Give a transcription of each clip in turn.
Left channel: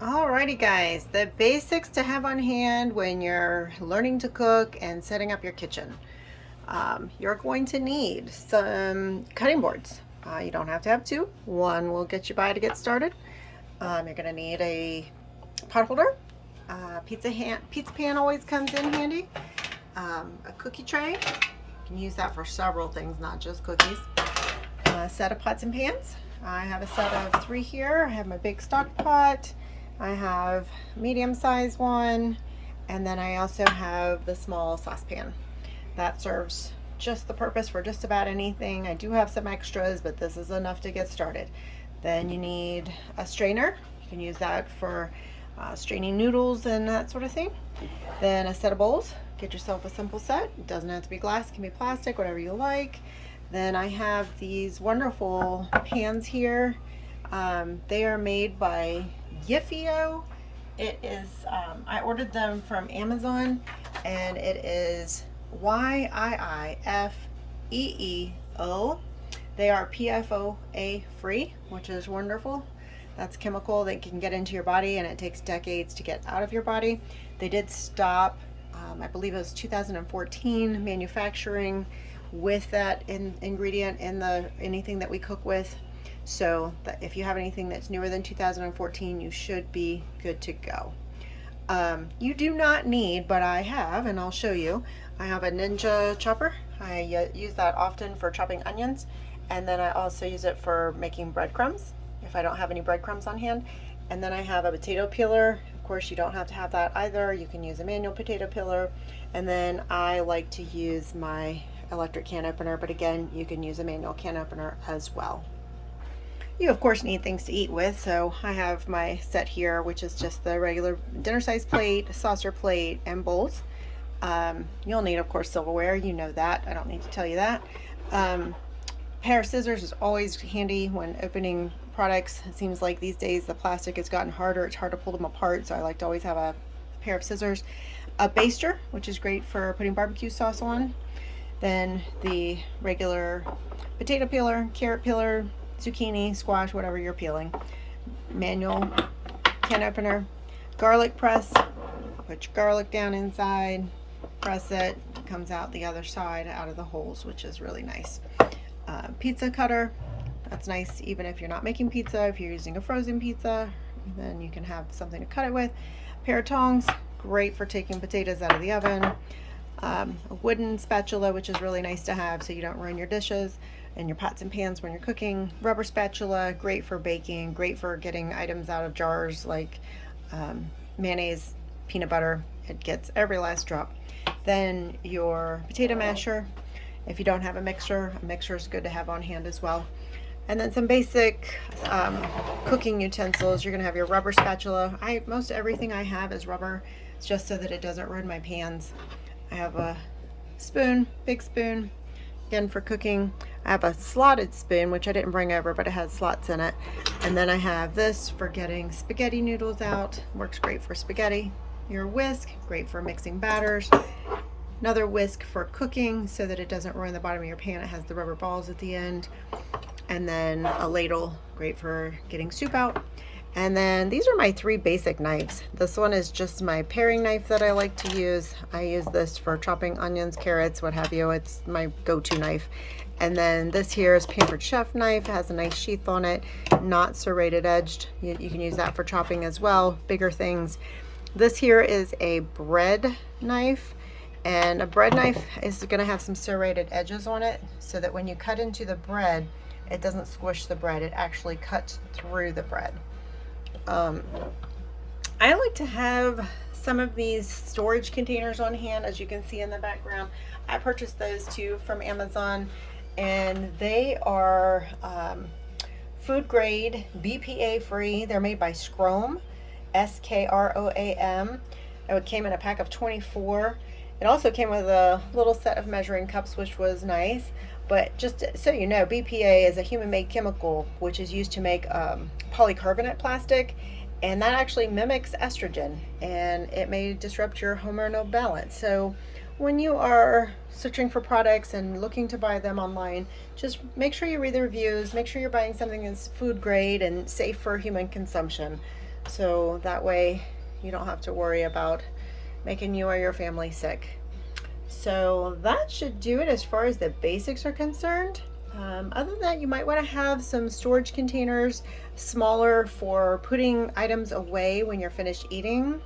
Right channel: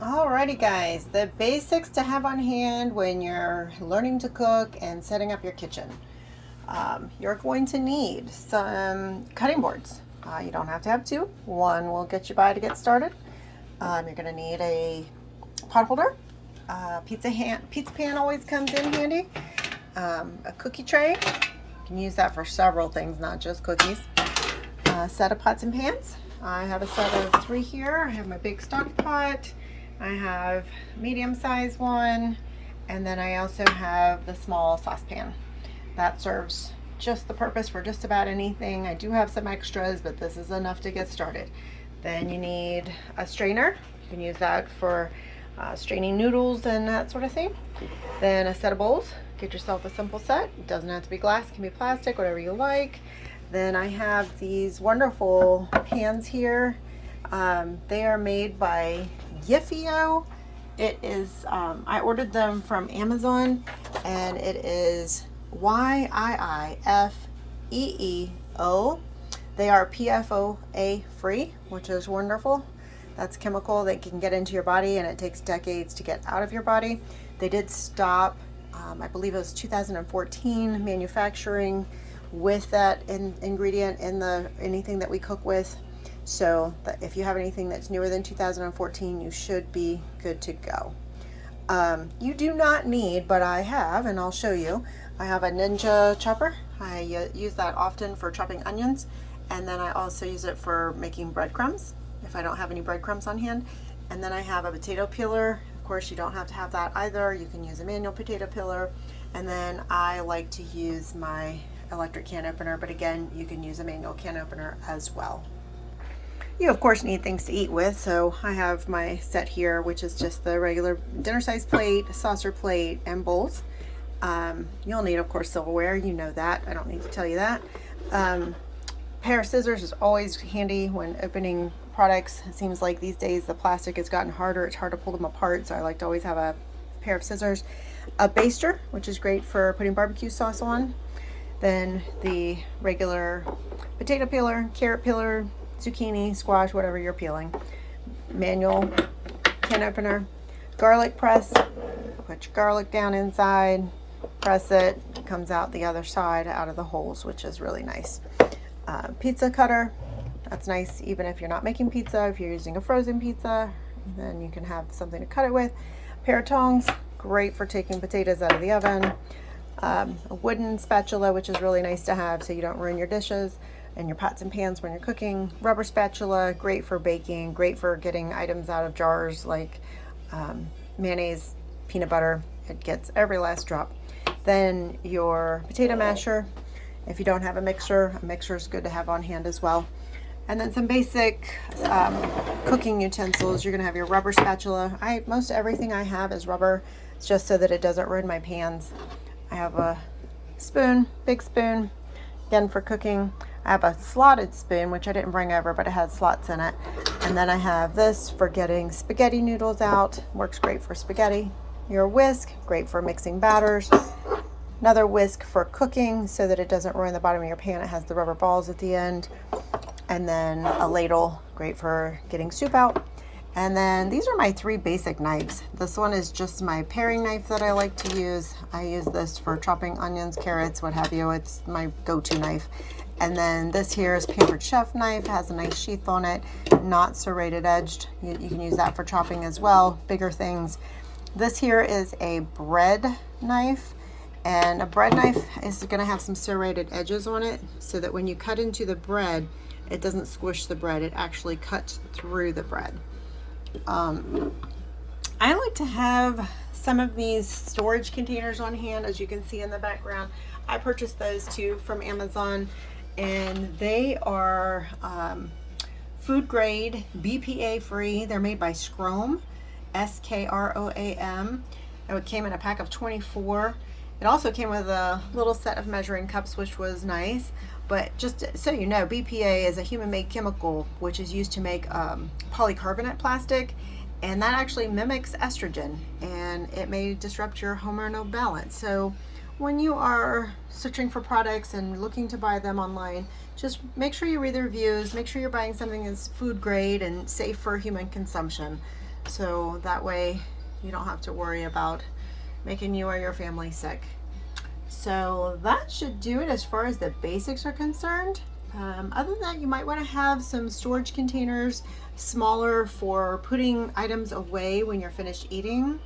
Alrighty guys, the basics to have on hand when you're learning to cook and setting up your kitchen. You're going to need some cutting boards. You don't have to have two. One will get you by to get started. You're going to need a pot holder. Pizza pan always comes in handy. A cookie tray. You can use that for several things, not just cookies. A set of pots and pans. I have a set of 3 here. I have my big stock pot. I have medium sized one, and then I also have the small saucepan. That serves just the purpose for just about anything. I do have some extras, but this is enough to get started. Then you need a strainer. You can use that for straining noodles and that sort of thing. Then a set of bowls. Get yourself a simple set. It doesn't have to be glass, it can be plastic, whatever you like. Then I have these wonderful pans here. They are made by Yifio. It is, I ordered them from Amazon, and it is YIIFEEO. They are PFOA free, which is wonderful. That's chemical that can get into your body, and it takes decades to get out of your body. They did stop, I believe it was 2014, manufacturing with that ingredient in anything that we cook with. So if you have anything that's newer than 2014, you should be good to go. You do not need, but I have, and I'll show you. I have a Ninja chopper. I use that often for chopping onions, and then I also use it for making breadcrumbs if I don't have any breadcrumbs on hand. And then I have a potato peeler. Of course, you don't have to have that either. You can use a manual potato peeler. And then I like to use my electric can opener, but again, you can use a manual can opener as well. You of course need things to eat with, so I have my set here, which is just the regular dinner size plate, saucer plate, and bowls. You'll need, of course, silverware. You know that. I don't need to tell you that. Pair of scissors is always handy when opening products. It seems like these days the plastic has gotten harder. It's hard to pull them apart, so I like to always have a pair of scissors. A baster, which is great for putting barbecue sauce on. Then the regular potato peeler, carrot peeler, zucchini, squash, whatever you're peeling. Manual can opener. Garlic press. Put your garlic down inside. Press it. It comes out the other side out of the holes, which is really nice. Pizza cutter. That's nice even if you're not making pizza. If you're using a frozen pizza, then you can have something to cut it with. A pair of tongs. Great for taking potatoes out of the oven. A wooden spatula, which is really nice to have so you don't ruin your dishes and your pots and pans when you're cooking. Rubber spatula, great for baking, great for getting items out of jars like mayonnaise, peanut butter. It gets every last drop. Then your potato masher. If you don't have a mixer is good to have on hand as well. And then some basic cooking utensils. You're gonna have your rubber spatula. Most everything I have is rubber. It's just so that it doesn't ruin my pans. I have a spoon, big spoon, again for cooking. I have a slotted spoon, which I didn't bring over, but it has slots in it. And then I have this for getting spaghetti noodles out. Works great for spaghetti. Your whisk, great for mixing batters. Another whisk for cooking so that it doesn't ruin the bottom of your pan. It has the rubber balls at the end. And then a ladle, great for getting soup out. And then these are my 3 basic knives. This one is just my paring knife that I like to use. I use this for chopping onions, carrots, what have you. It's my go-to knife. And then this here is Pampered Chef knife. It has a nice sheath on it, not serrated edged. You can use that for chopping as well, bigger things. This here is a bread knife. And a bread knife is going to have some serrated edges on it so that when you cut into the bread, it doesn't squish the bread. It actually cuts through the bread. I like to have some of these storage containers on hand, as you can see in the background. I purchased those too from Amazon, and they are food grade, BPA free. They're made by Skroam, Skroam. It came in a pack of 24. It also came with a little set of measuring cups, which was nice. But just so you know, BPA is a human-made chemical which is used to make polycarbonate plastic, and that actually mimics estrogen, and it may disrupt your hormonal balance. So when you are searching for products and looking to buy them online, just make sure you read the reviews, make sure you're buying something that's food grade and safe for human consumption. So that way you don't have to worry about making you or your family sick. So that should do it as far as the basics are concerned. Other than that, you might want to have some storage containers, smaller, for putting items away when you're finished eating.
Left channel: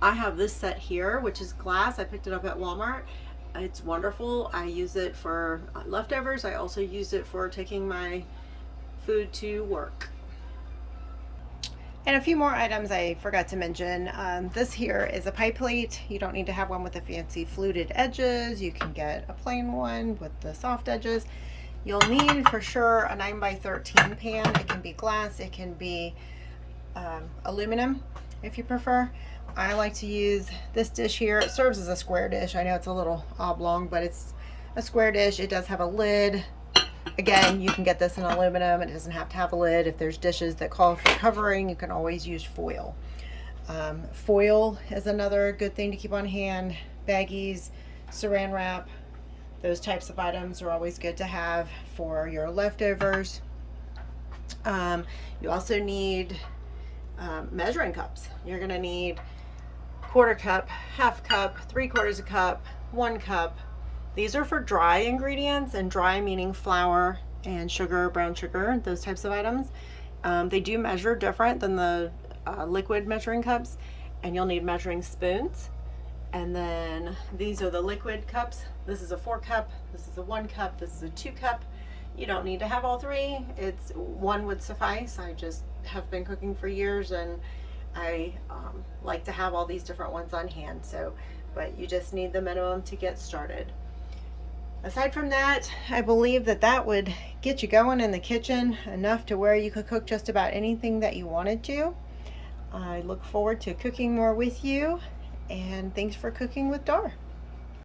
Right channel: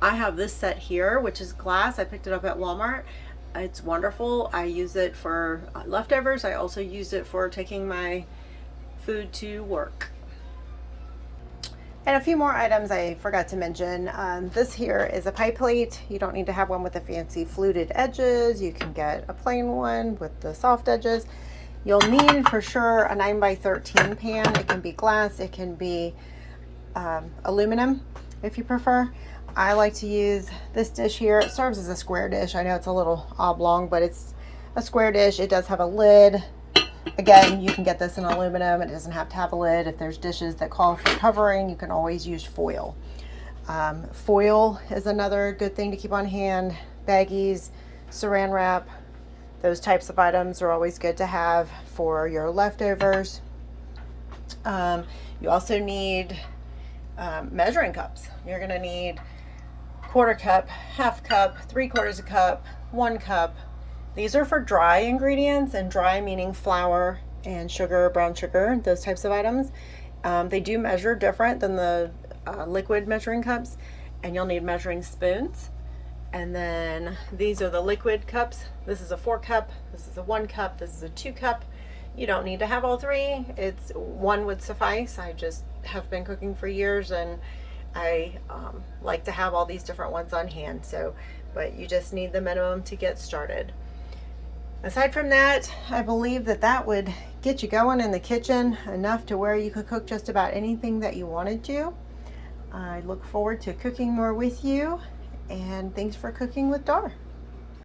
I have this set here, which is glass. I picked it up at Walmart. It's wonderful. I use it for leftovers. I also use it for taking my food to work. And a few more items I forgot to mention. This here is a pie plate. You don't need to have one with the fancy fluted edges. You can get a plain one with the soft edges. You'll need for sure a 9x13 pan. It can be glass, it can be aluminum if you prefer. I like to use this dish here. It serves as a square dish. I know it's a little oblong, but it's a square dish. It does have a lid. Again, you can get this in aluminum. It doesn't have to have a lid. If there's dishes that call for covering, you can always use foil. Foil is another good thing to keep on hand. Baggies, saran wrap, those types of items are always good to have for your leftovers. You also need measuring cups. You're going to need quarter cup, half cup, 3/4 cup, 1 cup. These are for dry ingredients, and dry meaning flour and sugar, brown sugar, those types of items. They do measure different than the liquid measuring cups, and you'll need measuring spoons. And then these are the liquid cups. This is a 4 cup, this is a 1 cup, this is a 2 cup. You don't need to have all three. It's one would suffice. I just have been cooking for years, and I like to have all these different ones on hand. But you just need the minimum to get started. Aside from that, I believe that would get you going in the kitchen enough to where you could cook just about anything that you wanted to. I look forward to cooking more with you, and thanks for cooking with Dar.